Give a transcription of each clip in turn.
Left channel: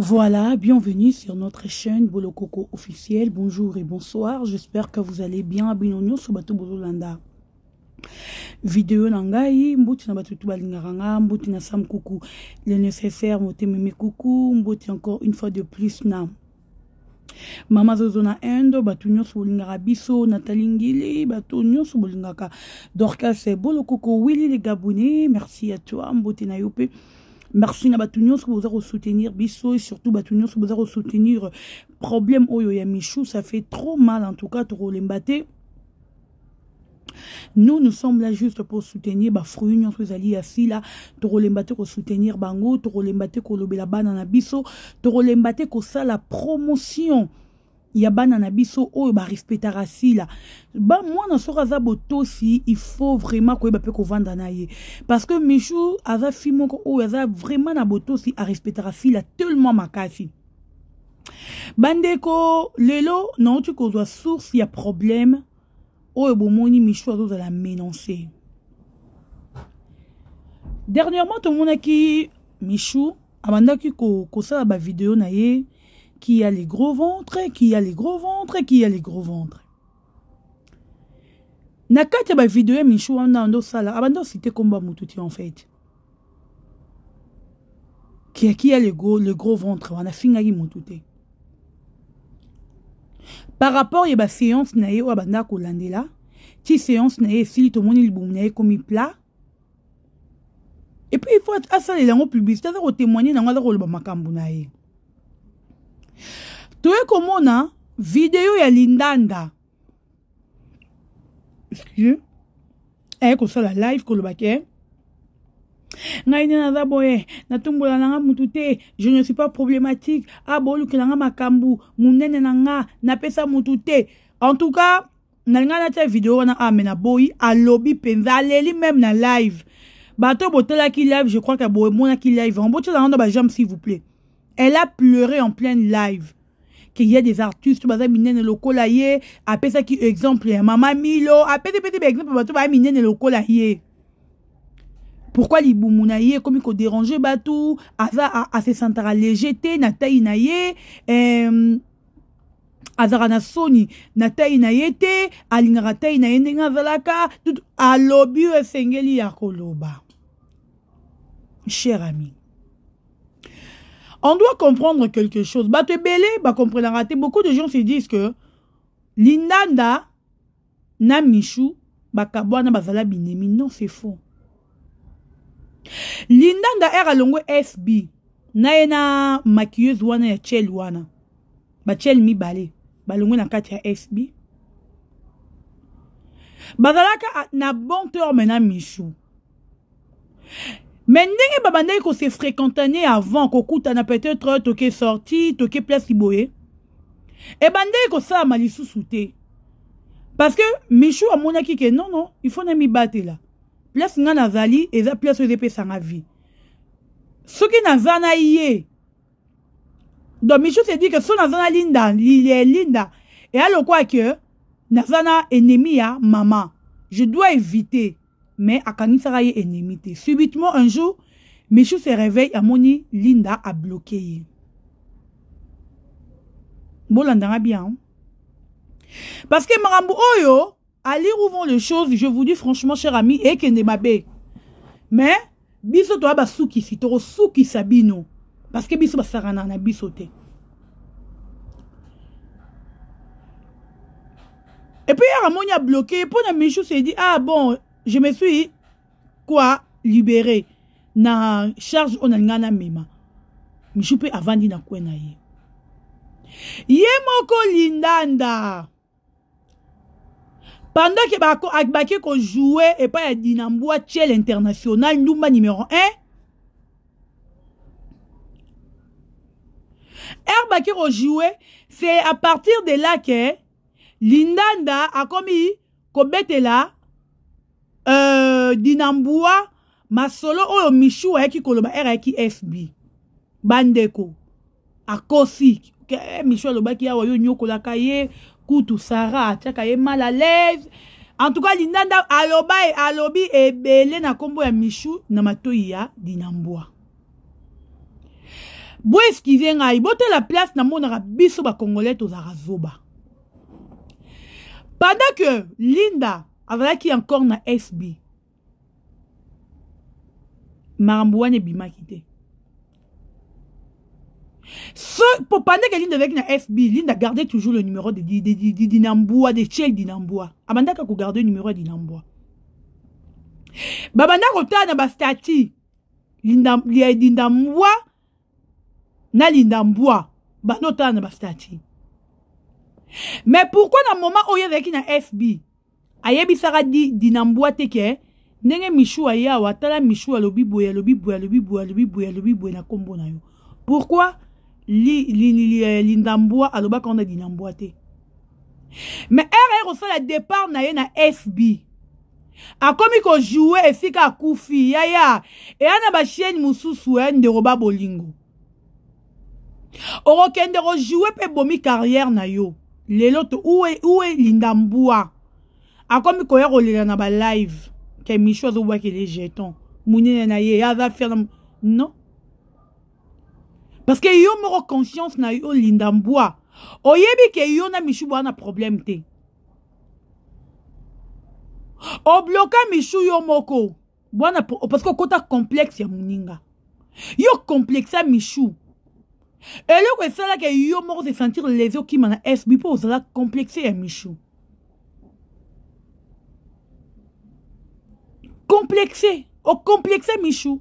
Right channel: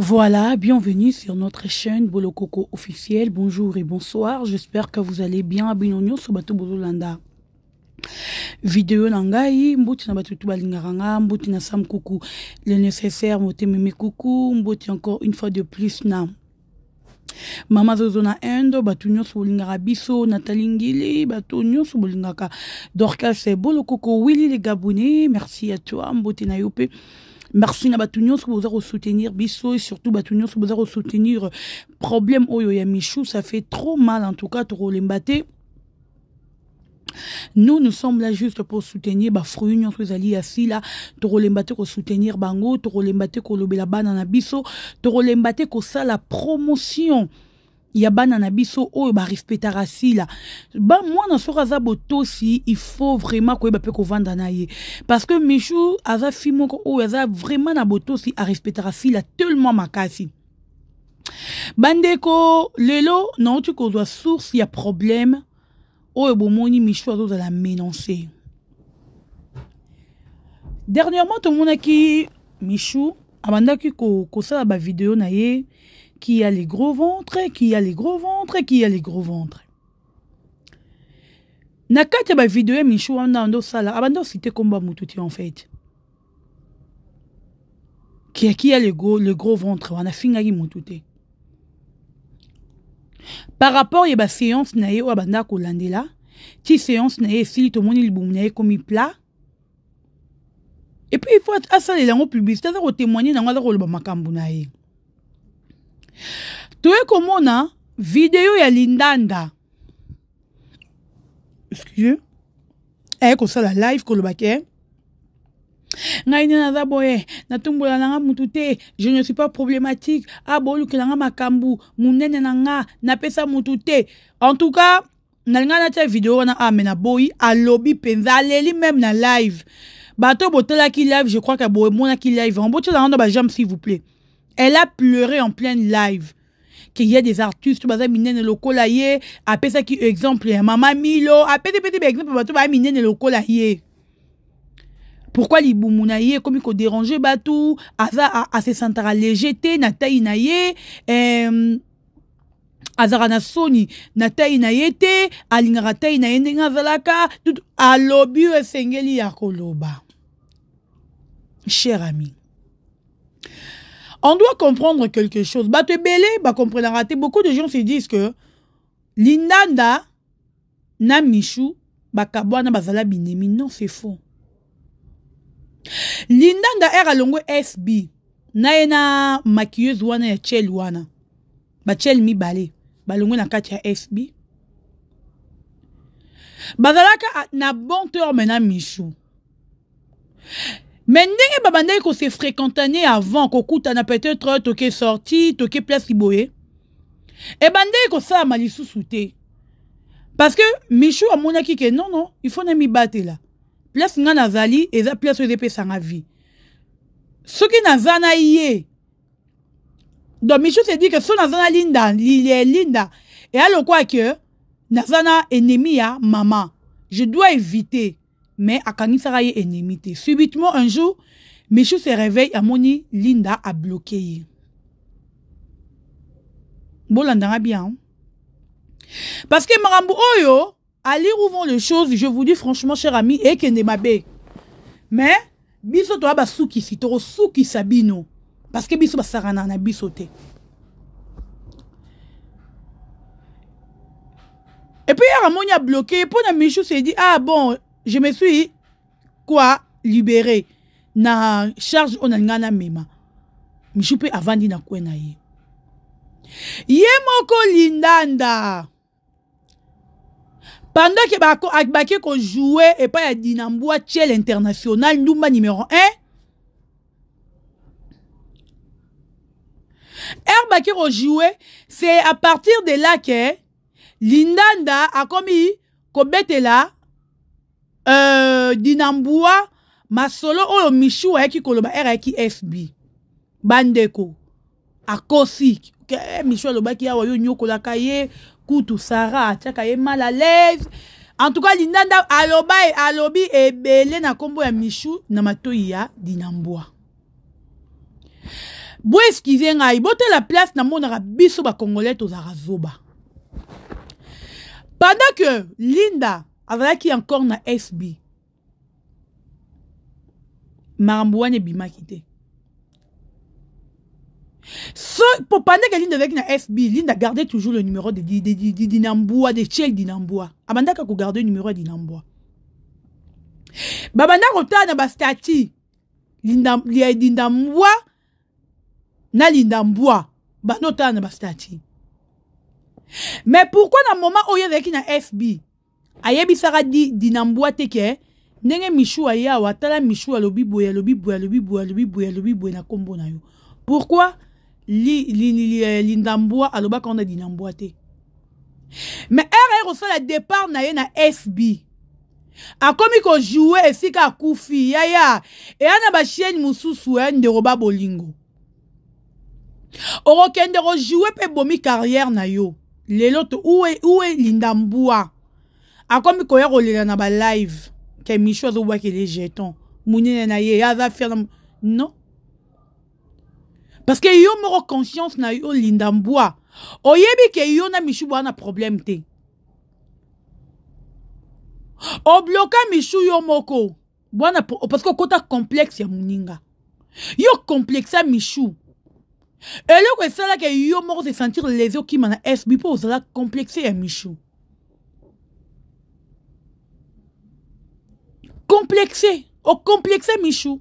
Voilà, bienvenue sur notre chaîne Bolokoko officiel. Bonjour et bonsoir. J'espère que vous allez bien. Binonyo sur Bato Bololanda. Vidéo nangai, mboti na batutu balingaranga, mboti na sam coucou. Le nécessaire, mboti meme coucou, mboti encore une fois de plus na. Mama Zozo na Endo, batunyo sur bolingara biso, Nathalie Ngili, batunyo sur bolingaka. Dorcas c'est Bolokoko, Willy les Gabonais. Merci à toi, mboti na yope. Merci na batunyo sur vous soutenir biso et surtout batunyo sur vous soutenir problème oyo ya Michou, ça fait trop mal en tout cas trop l'embate. Nous sommes là juste pour soutenir ba fruit nyonso ezali assi là trop l'embate pour soutenir bango, trop l'embate ko lobela bana na biso, trop l'embate ko ça la promotion. Ya bana na biso oyo ba respectera si là ba moi na sora za boto si il faut vraiment ko ba pe ko vanda na ye parce que Michou aza fimo ko oyo aza vraiment na boto si a respectera si là tellement makasi bandeko lelo non tu ko doit source ya problème oyo bomoni Michou azo la menacer dernièrement tout le monde qui Michou abandaki ko sala ba vidéo na ye qui a les gros ventres, qui a les gros ventres, qui a les gros ventres. Nakati ba vidéo Michou ando sala, abando cité combat mututi en fait. Qui a le gros ventre, on a fingaki mututi. Par rapport à la séance na ye abanda ko landela, ti séance na ye si to moni libum na ye comme plat. Et puis il faut assaler la publicité za ko témoigner na ngala ko loba makambu na ye. Tu es comme on a vidéo ya Lindanda. Excusez. Comme ça la live ko le baké. Ngaina na boye na tumbola na mutute, je ne suis pas problématique. Ah bolu ke na makambu, munene na nga na pesa mutute. En tout cas, na nga na ta vidéo na amena boy a lobby penza leli même na live. Bato botela ki live, je crois que boy mona ki live. En boto na ba jambe s'il vous plaît. Elle a pleuré en pleine live. Qu'il y a des artistes, baza minene lokola ye, après ça qui exemple, Maman Milo, après des petits exemples, baza minene lokola ye. Pourquoi li boumuna ye, comme il faut déranger batou, aza a se sentir légèreté, na taille na ye, azara na soni, na taille na ye te, alingara taille na ye ndenga zalaka, a lobby e sengeli ya koloba. Cher ami. On doit comprendre quelque chose. Bah te belé, bah comprendre raté. Beaucoup de gens se disent que Lindanda na Michou, bah kabwana bazala binemi. Non, c'est faux. Lindanda era longo SB. Na ena maquilleuse wana ya Chel wana. Ba Chel mi balé. Ba longo na kati ya SB. Bazalaka na bon terme na Michou. Mais ndenge babandai ko se fréquentané avant ko kutana peut-être toke sorti toke place liboye et bandai ko sa malisu souté parce que Michou a monaki que non il faut na mi battre là place nga nazali eza place de pesa nga vie ce qui nazana yé donc Michou se dit que son nazana linda linda et alors quoi que nazana ennemi ya maman je dois éviter. Mais à Kanisa est ennemi. Subitement, un jour, Michou se réveille à Moni, Linda a bloqué. Bon, l'andara bien. Parce que Marambo Oyo, allez rouvrir les choses, je vous dis franchement, cher ami, et que ne m'abe. Mais, biso to ba souki si, toro souki sabino. Parce que biso ba sarana na bisote. Et puis, Ramoni a bloqué, pour la Michou se dit, ah bon, je me suis quoi libéré na charge onangana mema Michou pe avandi na kwena ye moko Lindanda pendant que bako ko jouer et pas ya Dinambua Chel international Ndumba numéro 1 baki ko jouer c'est à partir de là que Lindanda a commis ko betela Dinambua masolo oyo Michou ayaki koloba era ki FB bandeko akosi Michou alobaki awa yo nyokola kaye kutu Sarah atiaka ye mal à l'aise en tout cas Lindanda alobi ebele na kombo ya Michou na matoi ya Dinambua Bo excusez ngai, bote la place na monara biso ba congolais tozara zoba. Pendant que Linda qui encore na SB, Marambouane bimaki te. So, pour pendant que Linda avec na SB, Linda gardait toujours le numéro de Dinamboua, de Tchel Dinamboua. Abanda ka ko garder le numéro de Dinamboua. Babanda rota na bastati. Dinamboua na Lindamboua. Banota na bastati. Mais pourquoi dans le moment où il y a avec na FB, ayebi sara di Dinamboua teke, nenge Michou aya watala Michou alobi boya na kombo na yo. Pourquoi Lindamboua aloba qu'on a Dinamboua te? Mais RR aussi le départ na ye na FB. A komi ko jouer et si ka koufi yaya et ana ba chienne mususu de roba bolingo. Oro kende ro jouer pe bomi carrière na yo. Lelo to où est Lindamboua? A komi ko yero le na ba live ke Michou zo wa ke les jetons. Mounine na ye ya va faire non. Parce que yo mo conscience na yo Lindamboua. Oyebi ke yo na Michou na problème te. O bloqué Michou yo moko. Bona parce que kota complexe ya muninga. Yo complexe à Michou. Et là que ça là que yo moko se sentir les yeux qui mana SB pour ça complexé à Michou. Complexé, o complexé Michou.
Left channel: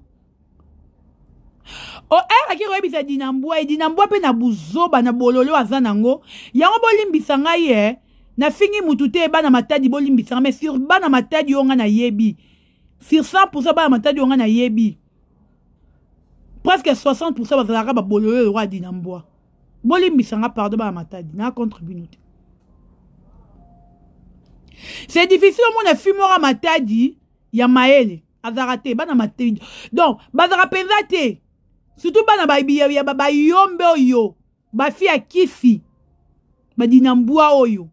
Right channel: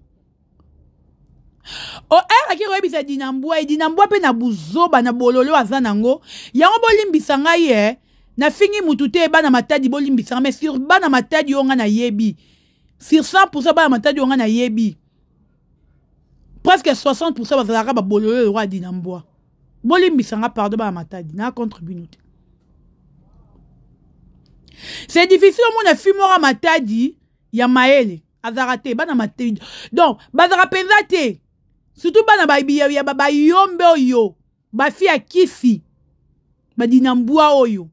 O era ki rebi sa Dinamboua, Dinamboua pe na buzoba na bololo azanango. Yango bolimbisa ngai na fini mutute ba na matadi bolimbisa mais sur ba na matadi onga na yebi. Sur 100% ba na matadi onga na yebi. Presque 60% bazalaka ba bololo le roi Dinamboua. Bolimbisa nga pardon ba na matadi na contribuer. C'est difficile mon afimora matadi ya maele azarate ba na matadi. Donc bazara penzate. Surtout ba na ba ya ba yombe oyo. Ba fi a kisi. Ba Dinamboua oyo.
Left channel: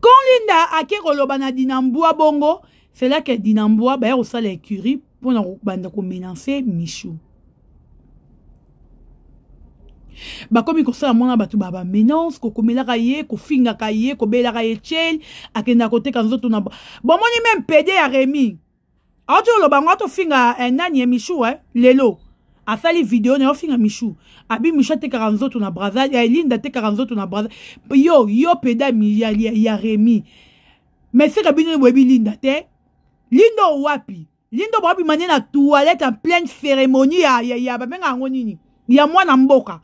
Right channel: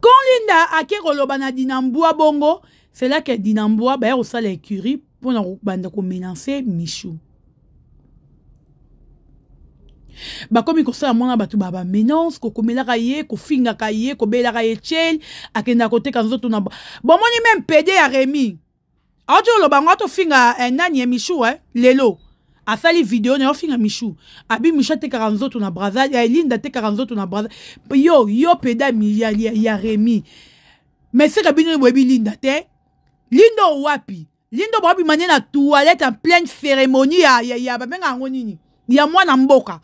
Quand Linda a kéroloba na Dinamboua bongo, c'est là que Dinamboua ba au sale écurie pour na banda ko menacer Michou. Ba komi ko sala mona batu baba menace ko komela kaye ko finga kaye ko bela kaye chel akenda kote kanzoto na bon moni même PD ya Rémi. Ajo lo bango to finga nani Michou lelo. A sali vidéo na finga Michou. Abi Michou te karanzoto na braza, ya Linda te karanzoto na braza. Yo peda ya Rémi. Mais c'est kabino webi Linda te. Linda wapi? Linda wapi mane na toilette en pleine cérémonie ya ba benga ngonini. Ya mwana mboka.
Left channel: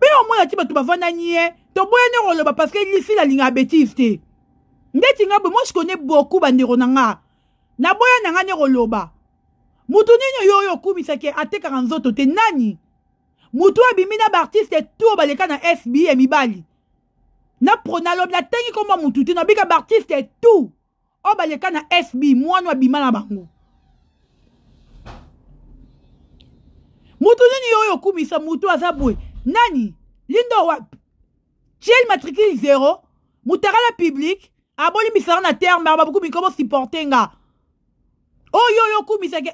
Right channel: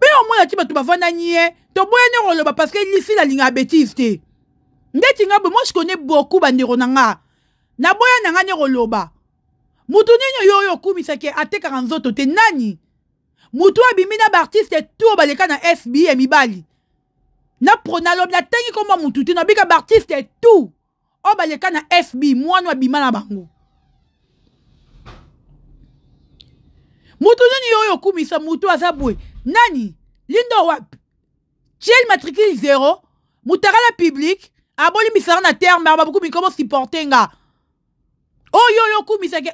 Mais au moins tu ba bavana nie. To boyene roloba parce que ici la ligne bêtise te. Ndeti ngabo moi je connais beaucoup bandero nanga. Na boya nanga ne roloba. Mutu nini yo kumisake ate karanzoto te nani? Mutu abimina ba artiste tout baleka na FB mibali. Na pronalob na tangi koma mutu te na bika ba artiste tout. O baleka na FB mwana abima na bango. Mutu nini yo kumisa mutu azabwe. Nani? Lindo wap. Chel matricule 0. Mutarala public. Aboli misara na terre mais ababuku mi comment supporter nga. Oh yo kumisake.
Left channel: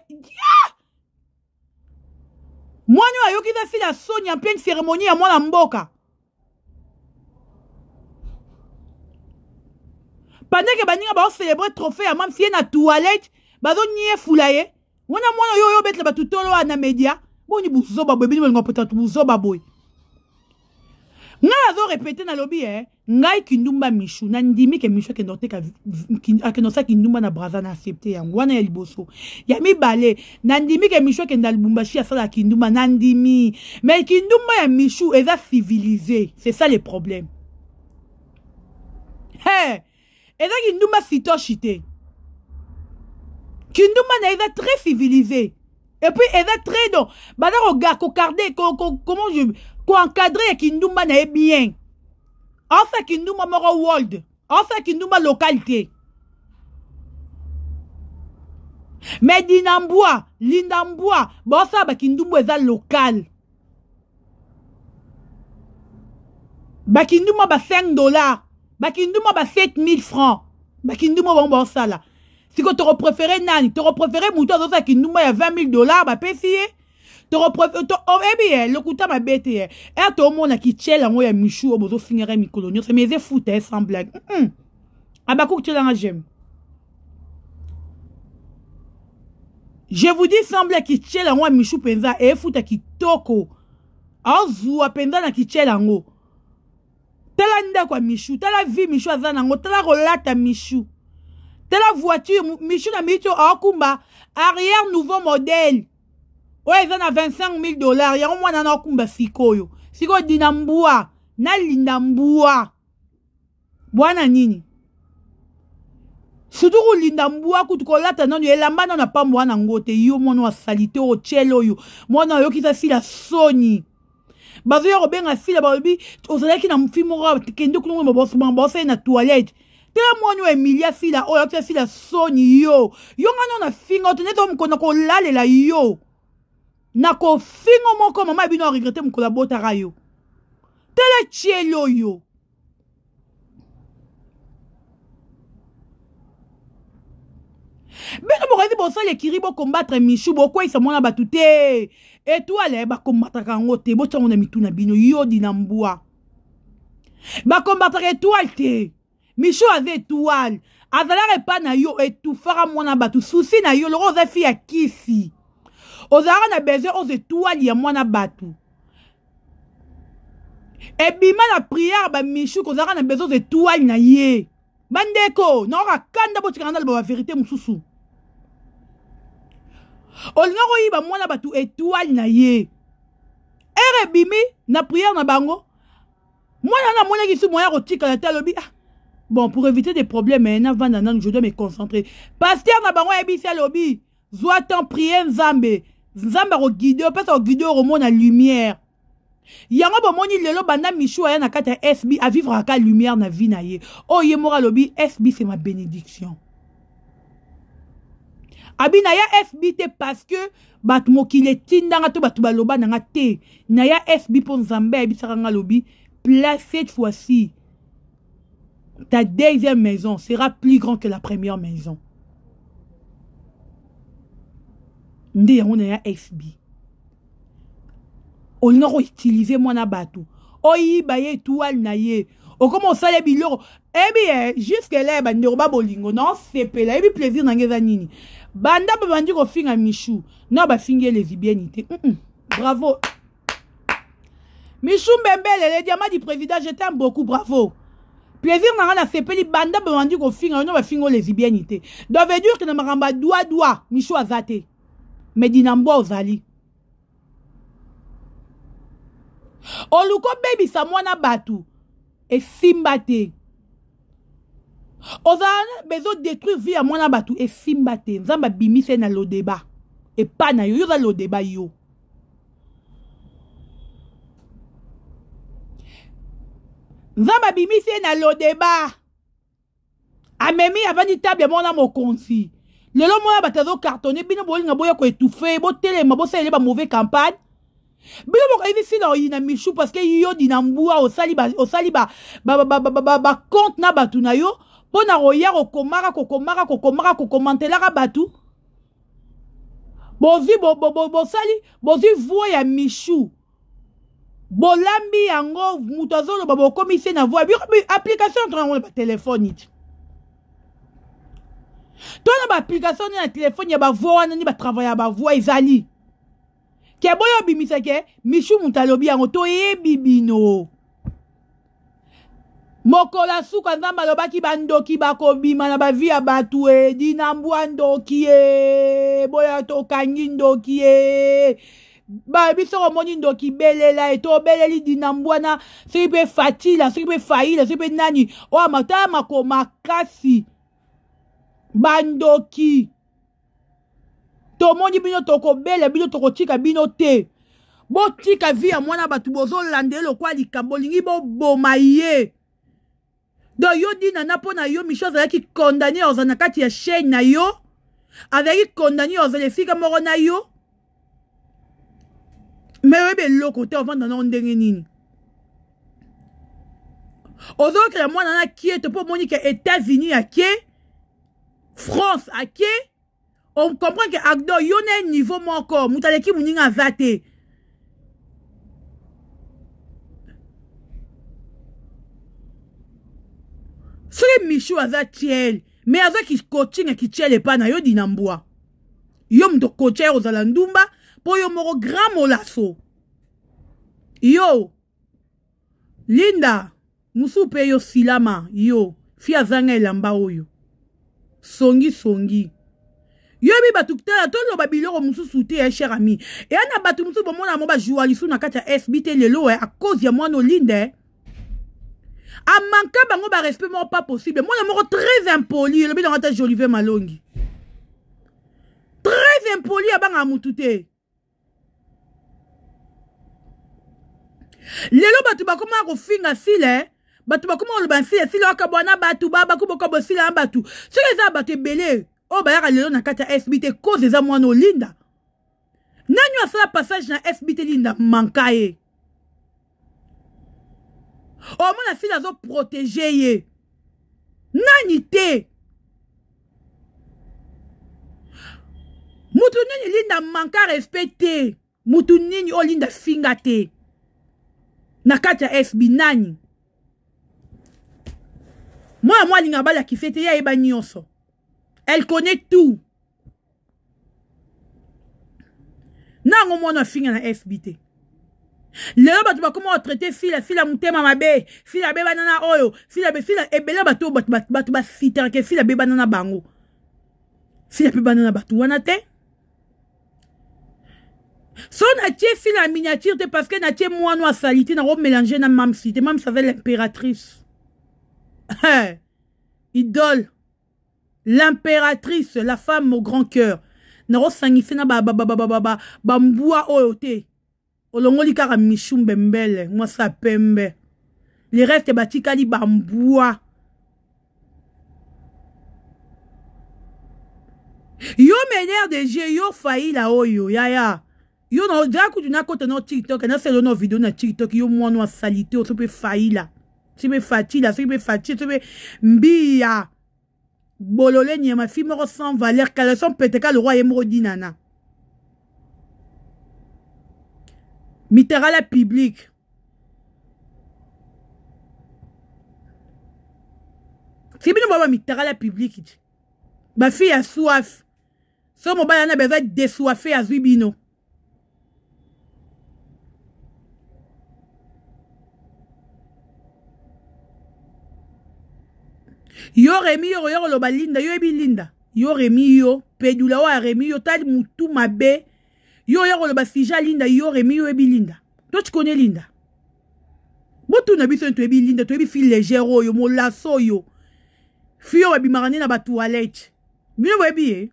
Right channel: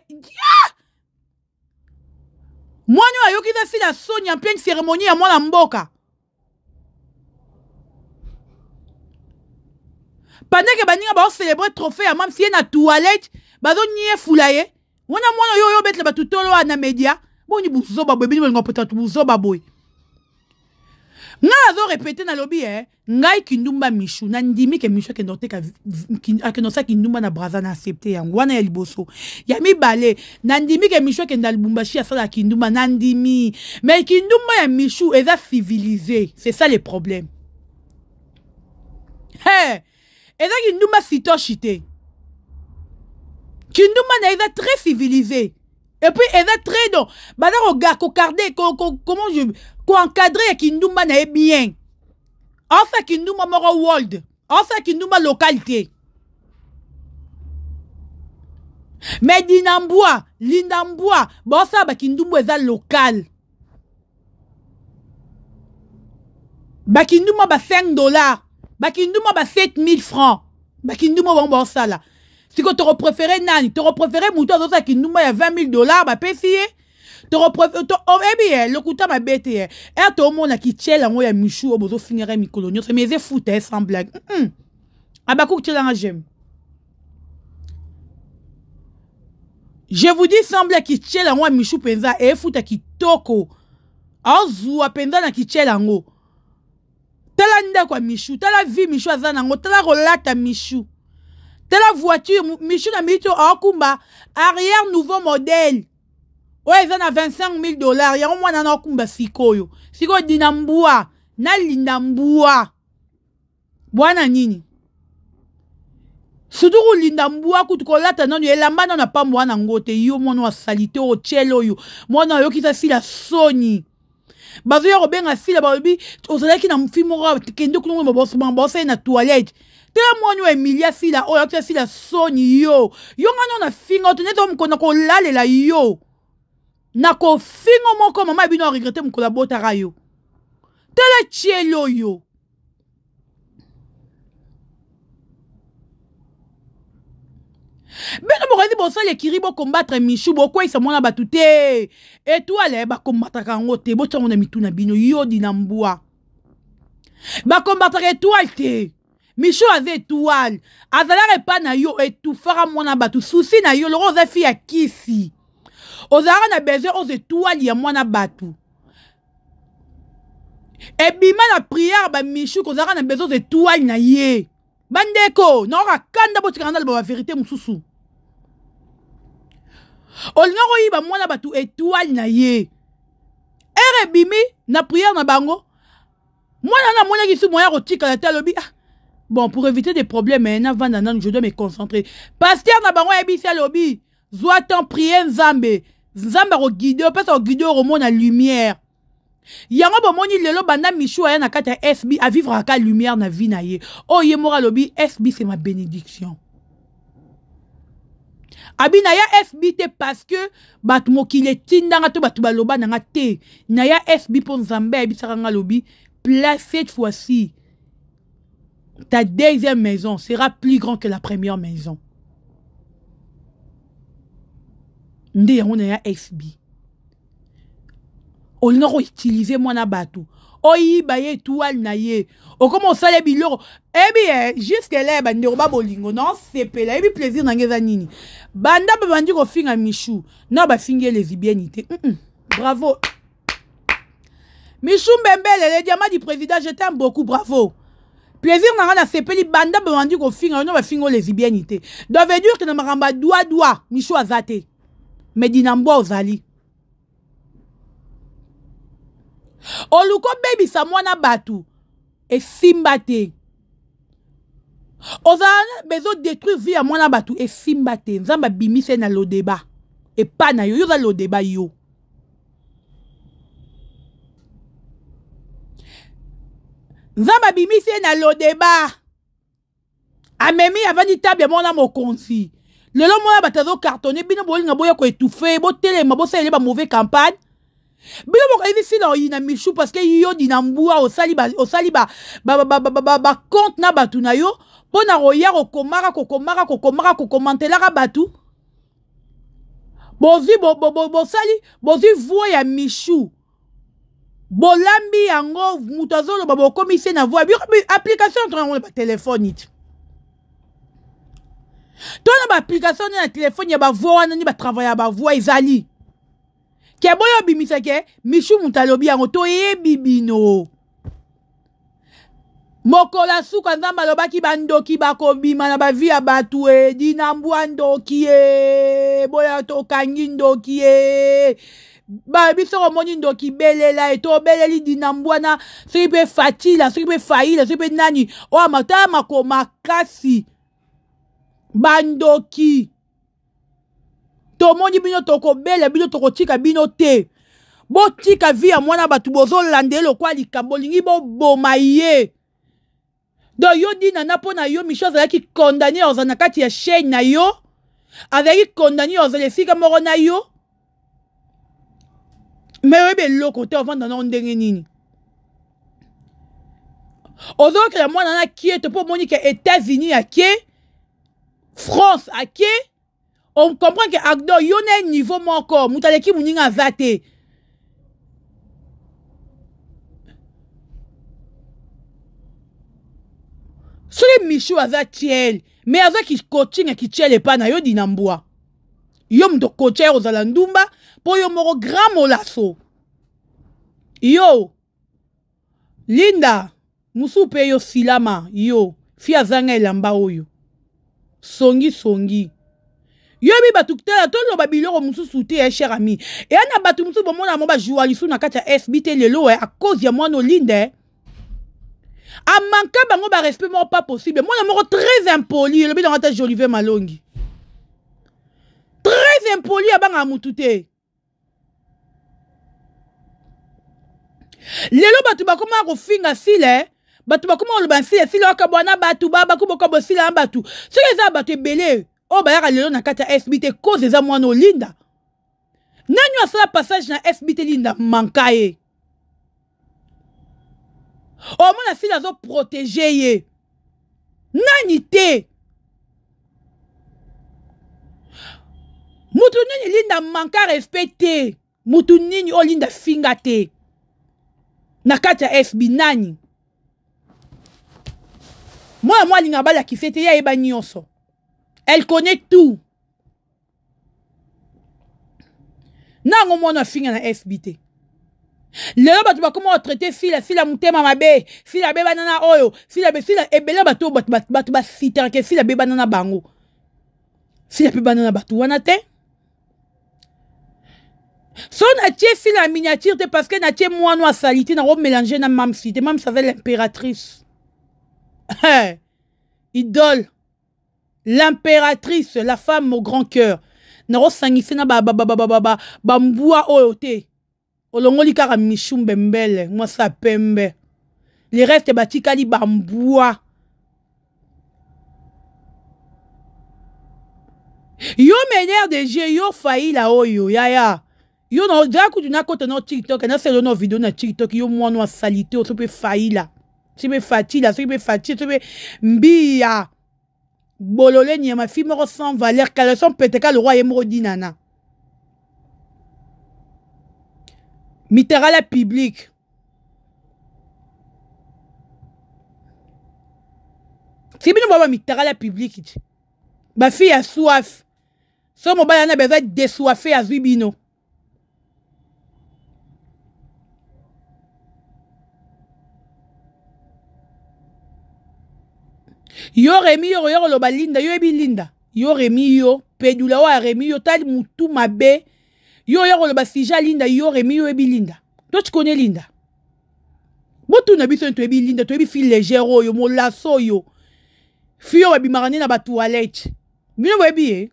Moi nous ayoki za fila Sony en pleine cérémonie à moi la mboka. Pendant que baninga ba célébrer trophée à même si na toilette, bazo nie fulaye. Wana mwana yo bet la batutolo na média. Boni buzoba boy bini ngopota buzoba boy. Nga azo répéter na lobby ngai kindumba Michou na ndimi ke Michou ke note ka nosa kindumba na braza na accepter yango wana ya liboso ya mibale na ndimi ke Michou ke ndalbumbashi ya sala kindumba na ndimi mais kindumba ya Michou eza civilisé, c'est ça le problème. Eza kindumba sitoshite kindumba na eza très civilisé et puis eza très donc bana regarde ko garder comment je ko encadrer kindumba na bien. En fait kindumba moro world. En fait kindumba localité. Mais Dinamboua, Lindamboua, bon ça ba kindumba eza local. Ba kindumba ba $5, ba kindumba ba 7000 francs. Ba kindumba bon ça là. Si tu préféré nani, tu préféré mouton dans qui nous met 20 000 $, bah pécier. Tu préféré, eh bien, le coup ma bête, et tout le monde qui tient la moya michou, au bout finir mi colonio, c'est mes foot, sans blague. Ah bah, tu l'as j'aime. Je vous dis, sans blague, qui tient la moya michou penza, et foot qui toko. Azoua penza na qui tient la ngo. Tala nda kwa michou, tala vie michou azanango, tala relata michou. Tala voiture, michou na michou akumba, arrière nouveau modèle. Ouais, ils en a 25 000 $. Y'a au moins un akumba sikoyo. Siko dinambua, na lindambua. Bwana nini. Surtout lindambua kutukolata nanu, elamba na pa mwana ngote, yo mwana wa salite o chelo yo. Mwana yo kita si la soni. Bazo ya robenga sila babi ozalaki na mfimo ra kende kulungu bosse na toilette tela mwana Emilia sila oyo tia sila soni yo ngano na fingo teneto mkona ko lalela yo na ko fingo moko mama bino regretter mkola botara yo tela chielo yo bino bokazi bosale kiribo combattre Michou bokwa isa mwana batute étoile ba combattre kango te bo tsango na mituna bino yo dinambua ba combattre étoile te Michou avait étoile azala pas na yo etufara mwana batu souci na yo loro za fi ya kisi ozara na besoin aux étoiles ya mwana batu e bima na prière ba Michou kozara na besoin aux étoiles na ye bandeko na ka kanda bo tikanda ba vérité mususu olinga koyiba mwana batu étoile na ye ere bimi na prière na bango mwana na mwana kisu moya kotika la talobi bon pour éviter des problèmes na vanda nan je dois me concentrer pasteur na bango ebisi alobi zwa ton prier nzambe ko guider parce que guider au monde na lumière yango bomoni lelo banda Michou aya na kata SB à vivre à lumière na vie na ye oh ye mora lobi SB c'est ma bénédiction. Abi na ya SB te parce que bat mokile tindanga to batu baloba nanga te na ya SB pour Nzambe ebisaka nga lobi place cette fois-ci ta deuxième maison sera plus grand que la première maison. Nde yango na ya SB olinga ko utiliser mwana batu oyiba ye étoile na ye okoma osala biloko ebi jusque là bande ba bolingo non sepela ebi plaisir na ngeza nini banda bandi ko finga Michou na ba finge lesbiennité bravo Michou Mbembele le diamant du président je t'aime beaucoup bravo plaisir na na sepeli banda bandi ko finga no ba fingo lesbiennité donc veut dire que na maramba doigt Michou azate mais dinambo ozali oluko baby sa mwana batu et simbate ozana bezo détruire vie à mwana batu et simbate nzamba bimise na lo débat et pas na yo za lo débat yo nzamba bimise na lo débat amemi avani table mwana mokonzi lelo mwana batazo cartonner bino bolinga boya ko étouffer bo telema bo sele ba mauvais campagne bino boko ici na oyina Michou parce que yo dinambua osali ba compte na batu na yo pona roya ko komara ko commenter batu bozi sali bozi voix ya Michou bolambi yango mutazolo babo komise na voix application to na téléphone it to na application na téléphone ya ba voix na ni ba travailler ba voix izali ke boyo bimisa ke Michou mutalobi yango to bibino mokola suka nzamba lobaki bandoki bakobima na bavi ya batu dinambwa ndoki boya to kangi ndoki biso komoni ndoki belela to beleli dinambwa na soki pe fatila soki pe faila soki pe nani oya mata makasi bandoki tomoni bino toko bela bino toko tika bino te bo tika vi ya mwana batu bozo landelo kwa likambo lingi bo bomaye do yo dina na pona yo Michou azalaki condamné ozana kati ya chaîne na yo azalaki condamné ozala esika moko na yo mais oyebe loko te ovanda na ndenge nini ozokela mwana na kie te po moni ke États-Unis ya kie France, ok? On comprend que Agdo, il y a un niveau encore. Moutaleki Mouninga Zate. Sur les Michou Azatiel, mais avec qui coaching et qui tient les panes, yo dinamboa. Yo m'do coacher aux alandumba, pour yo moro grand molasso. Yo, Linda, Musupe yo silama, yo, fia zanga elamba oyo. Songi. Yo bi batu kutela tolo babiloko musu soute cher ami. Et ana batu musu bomona mo ba journaliste na kati ya SBT lelo à cause ya mwana Linda. A manqué bango ba respect mo pas possible. Moi na moko très impoli, le bi dans ta Jolivet Malongi. Très impoli abanga mutute. Lelo batu bakoma ko finga sile, batu bakoma lo bansile sile akabwana batu baba ko boko bosile batu. Ce les a batu belé. Oh, bah, lelo na kata SBT cause des amouano Linda. Nani asala passage na SBT Linda mankaye. Oh, mon asile azo protéger ye. Nani te. Mutu nini Linda manka respecté. Mutu nini o Linda fingate. Na kata SB nani. Moi linga bala ki fete ya eba nyonso. Elle connaît tout. Nango mona finga na SBT. Lelo batu bakoma traiter sila mutema mabe, sila be banana oyo, sila ebele batu batu ba siter ke sila be banana bango. Sila be banana batu wana te. Son a tie sila miniature te parce que na tie moano salité na ro mélanger na mam cité, mam savait l'impératrice. Idole. L'impératrice, la femme au grand cœur. Naro sangisi na bamboua oyote. Olongoli kara michum bembele. Moi sa pembe. Les restes batikali bamboua. Yo mener de jeu yo failli la oyo. Ya. Yo no jaku tu na kote no TikTok. Na selo no vidéo na TikTok. Yo moano a salité. O sope failli la. Sope fatila. Sope mbia. Bololé ni ma fille me sans valeur car son pétéka le roi est mort dinana. Mitera la public. Si bien on va mitera la public. Ma fille a soif. Son mobile a besoin de désoiffer à Zubino. Yo remi yo lo balinda yo ebi linda yo remi yo pedula wa remi yo tali mutu mabe yo lo basija linda yo remi yo ebi linda to tu connais linda botu na biso to ebi linda to ebi fille légère yo mo lasso yo fio wa bimarani na ba toilette bino bo ebi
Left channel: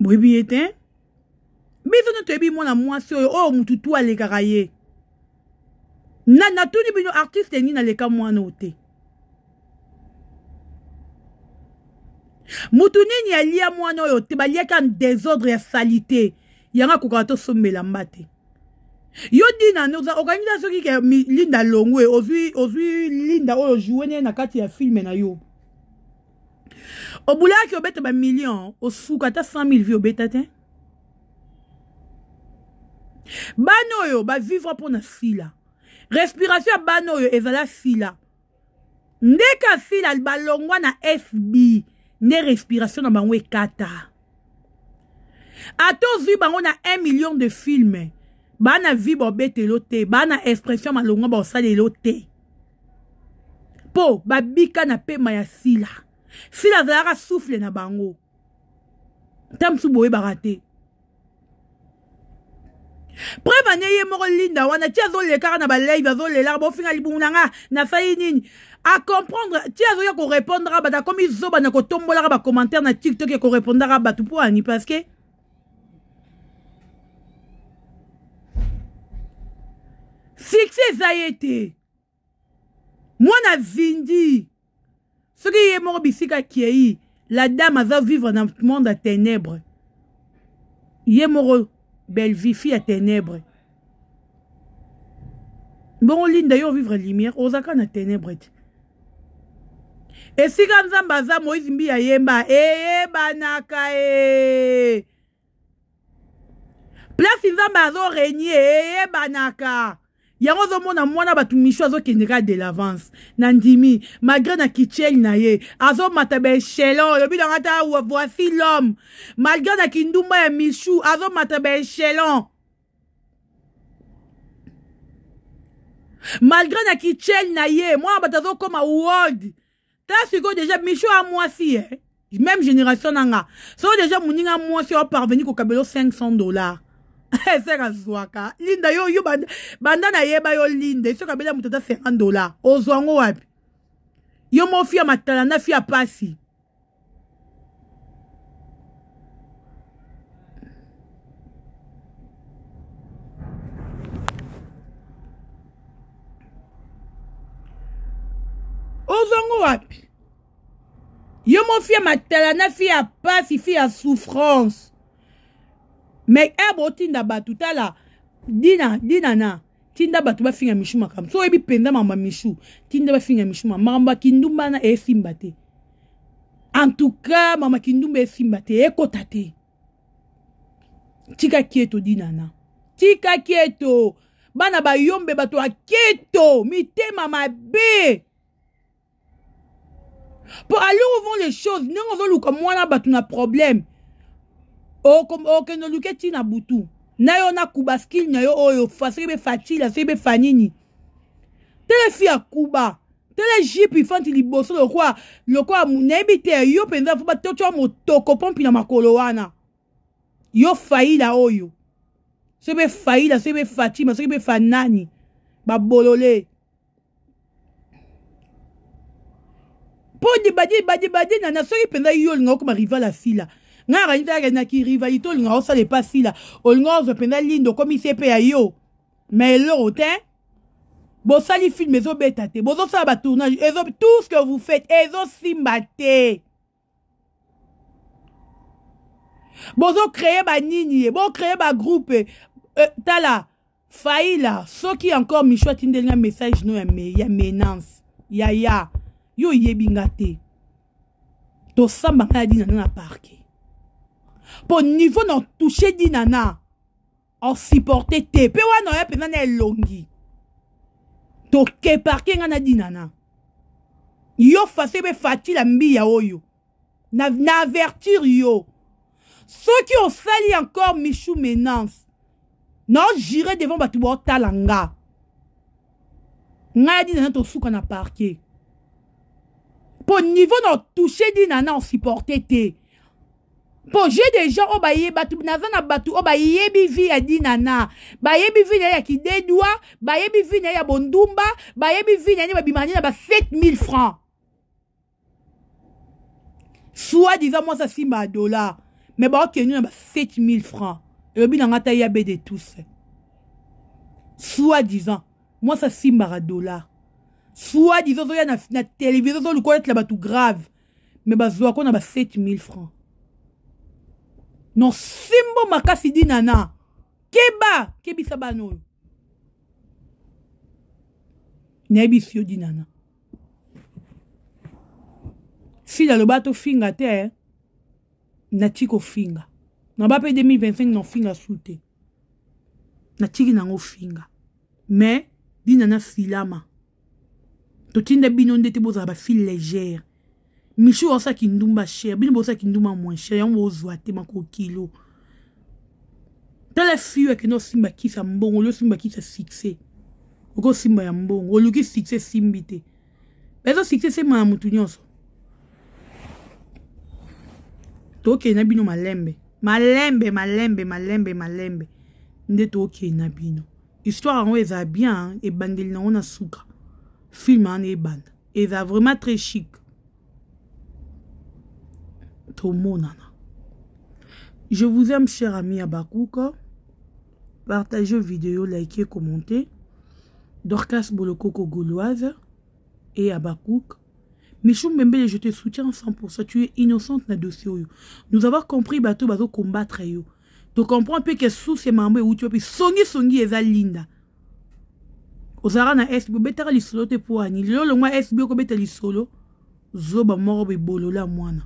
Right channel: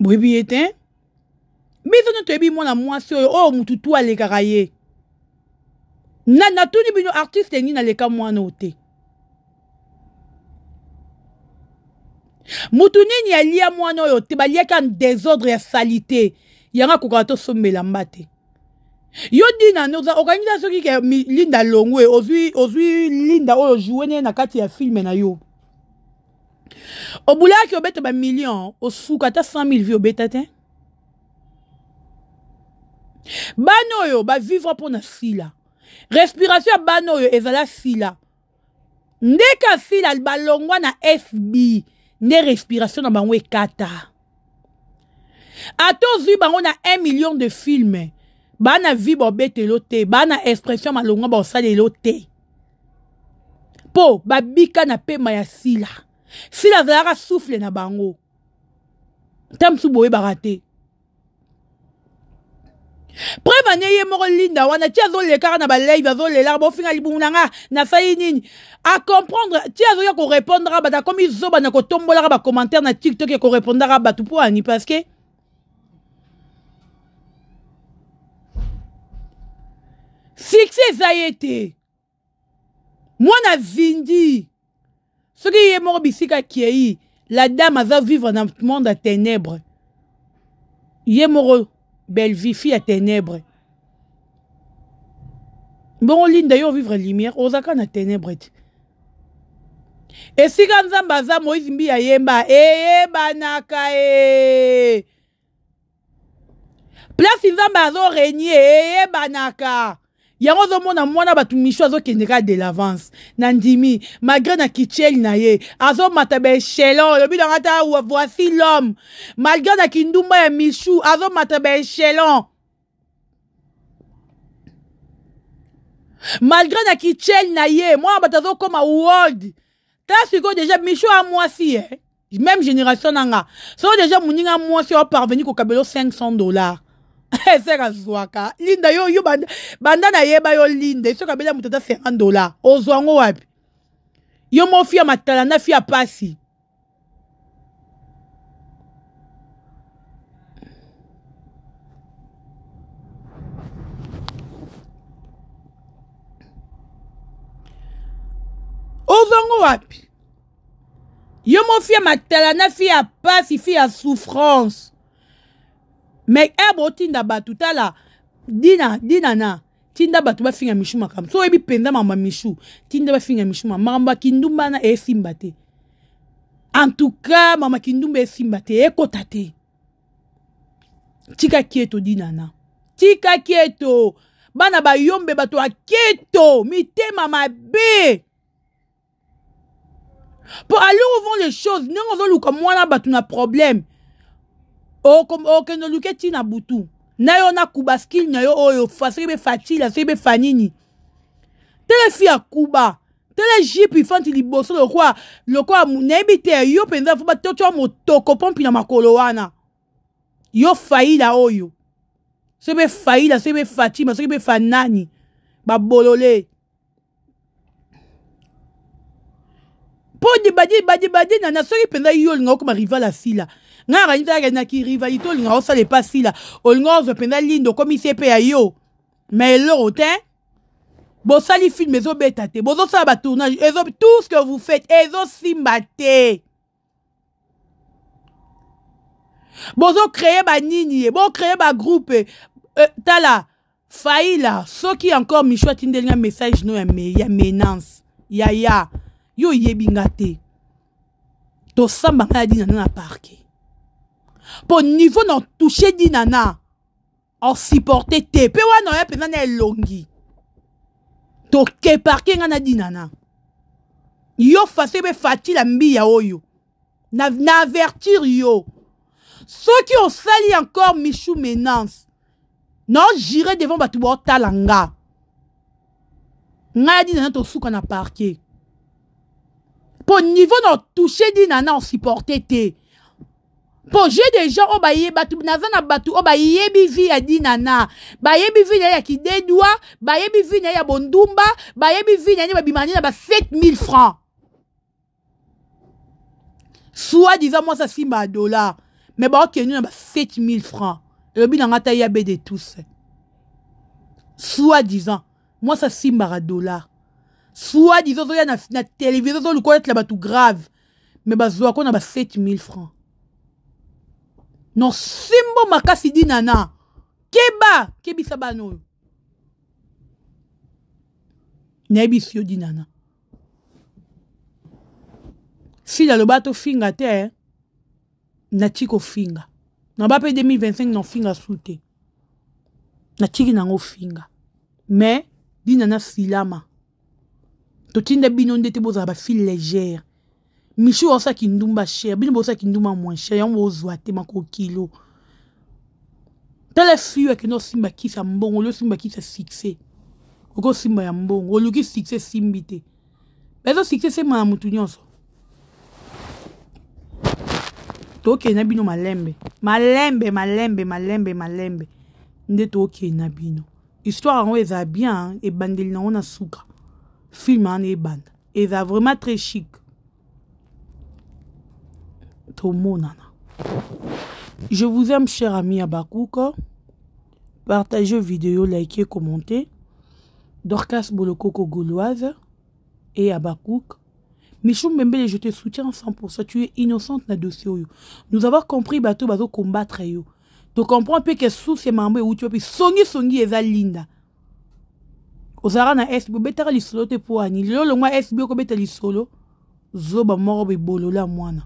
bo ebi ete biso no to ebi mona mwasi yo o mutu to ale karaye na tuni bino artiste ni na leka mwana ote. Mutu nini alia mwana ote balia kan désordre ya salité. Yanga kokato sommela mbate. Yo dina noza organisation ki ke Linda Longwe ozui Linda oyo jouer na kati ya film na yo. Obula ki obete ba million osuka ta 100,000 vi obeta te. Bano yo ba vivre pour na sila. Respiration bano yo ezala sila. Ndeka sila balongwa na SB. Ne respiration na bango ekata. Ato zi bango na 1 million de films. Bana vi bobete lote. Bana expression malongwa ba osale lote. Po babika na pema ya sila. Sila zalaka souffle na bango. Tamsu boye barate. Preuve nye moro Linda wana tia zo le kara na ba live zo le larbo finga libunanga na fayi nini a comprendre tia zo ya ko répondre ba ta comme zo ba na ko tombola ba commentaire na TikTok ya ko répondre ba tout pour ani parce que succès ça y était moi na vindi ce qui est mort bisika qui la dame va vivre dans le monde à ténèbres yé moro belle vie, fille à ténèbres. Bon, Linda, yo vivre lumière, osaka na ténèbres. esika nzambe aza Moïse mbi ya yemba eyebanaka e place nzambe azo régner eyebanaka yango zomona mwana batu misho azokendeka de l'avance na ndimi malgré na kicheli na ye azomata ba échelon lobi na ngata voici l'homme malgré na kindumba ya mishu azomata ba échelon malgré na kicheli na ye mwana batu azokoma world ta siko déjà mishu a mwasi même génération nanga so déjà muninga mwasi o parvenir ko kabelo $500 sera zwaka linda yo banda na yeba yo linda so kabela mutata $50 ozwango wapi yo mo fia matala na fia pasi ozwango wapi yo mo fia matala na fia pasi fia souffrance. Mais ebo tinda batu tala dina na tinda batu ba finga mishu makam so ebi penda mama mishu tinda ba finga mishu mama kindumba na esimbate en tout cas mama kindumba esimbate ekotate tika kieto dina na tika kieto bana ba yombe batu akieto mitema mabe pour aller où vont les choses non on luka mwana batu na problème okeno luke tina butu na yo na kubaskil na yo oyo fasebe fatila sebe fanini tele fia kuba tele jipi fanti liboso le kwa munebite yo penza fuba tocho motoko pompi na makolo wana yo faila oyo sebe faila sebe fatima sebe fanani babolole podi badi na soki penza yo linga ko rival asila nga ranita na ki rivalité linga osale pasi la olinga penda lindo comme CP ya yo mais l'euro te bo sali film ezo betate bo zo sala ba tournage ezo tout ce que vous faites ezo simbate bo zo créer ba nini bo créer ba groupe tala faila soki encore michwa tindelinga message no ya menace ya yo yebingate to samba ngadi na parquet. Pour niveau non toucher dinana en supporter te pe wana ya pena na elongi to ke parking na dinana yo fasebe fatila mbi ya oyo na avertir yo ceux qui ont sali encore michou menace non j'irai devant batu bo talanga nga dinana to suka na parquet pour niveau non toucher dinana en supporter te. Pour j'ai des gens au baye batu nazana batu au baye bivi ya dinana baye bivi ya ki dedwa baye bivi ya bondumba baye bivi ya babimani na ba 7000 francs soit disant moi ça simba $, mais ba okenu na ba 7000 francs et bi na ngata ya be de tous soit disant moi ça simba $, soit disant ya na télévision zo luko être la batu grave mais ba zo ko na ba 7000 francs. Non simbo makasi dinana keba kebisa bano nebisio dinana si la lobato finga te na tiko finga na ba pe 2025 non finga soute na tiki nango finga mais dinana filama to tinda bino ndete boza ba fil légère. Michou osa kindumba cher, bino bosa kindumba moins cher, yon ozwa te mako kilo. Tele fiyo ke no simba kisa mbongo, lo simba kisa succès. Oko simba ya mbongo, oluki succès simbite. Bezo succès se ma mutu nyonso. Toke na bino malembe. Malembe. Nde toke na bino. Histoire en eza bien, et bandel na ona suka. Film en e band. Eza vraiment très chic. Je vous aime, cher ami Abakouk. Partagez vidéo, likez, commentez. Dorcas Bolokoko Gauloise et Abakouk. Michou Mbembe, je te soutiens 100%. Tu es innocente na dossier. Nous avons compris bateau combattre yo. Tu comprends peu que sous ces membres où tu peux songi eza linda. Ozara na SBO betara li solo te pour ani. Lolo moi SBO ko betali solo. zoba moko be bolola mwana